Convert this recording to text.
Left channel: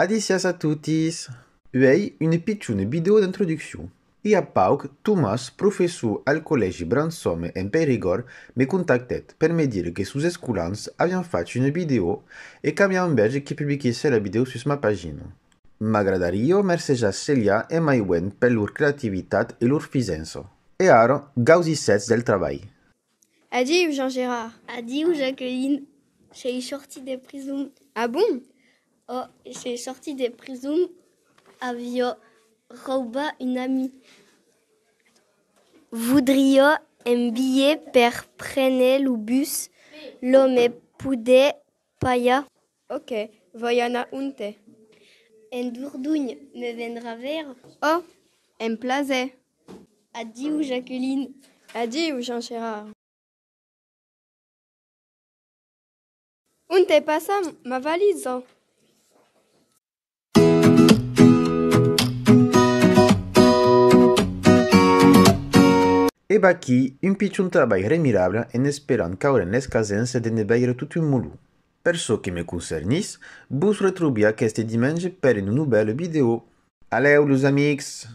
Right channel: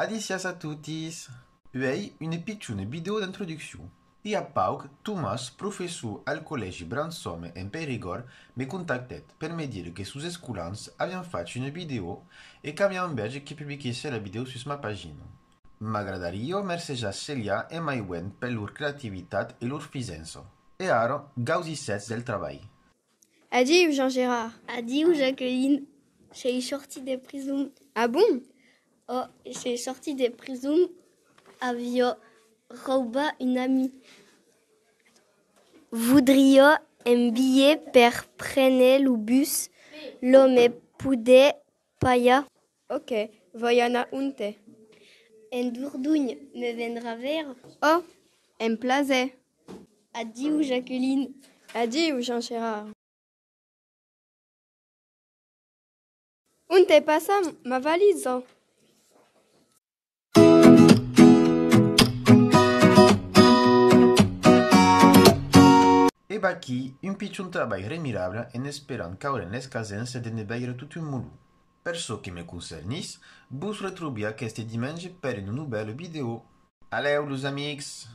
Adicias a tutis! Uei une picciune video d'introduction. Ia pauc, Thomas, professor al collegi Bransome en Périgord, me contactet per me dire que sus esculans aviam fatto une video e qu'aviam bege que publiquesse la video sus ma pagina. M'agradario mercejar Celia e Maïwen per lor creativitat e lor fisenso. E aro, gausissets del travail. Adieu Jean-Gérard. Adieu Jacqueline. J'ai sorti de prison. Ah bon? Oh, j'ai sorti de prison avec Rouba, une amie. Voudria un billet per prendre le bus. L'homme poudait paia. Ok, voyana unte. En Dourdogne me vendra vers. Oh, un plaisir. Adieu Jacqueline. Adieu Jean-Gérard. Unte passa ma valise. E baqui, un picciun travail remirable en esperant caure en l'escasense de ne veire tot un molu. Per çò que me concernis, vos retrobia qu'este dimanche per une nouvelle vidéo. Aleu, los amics!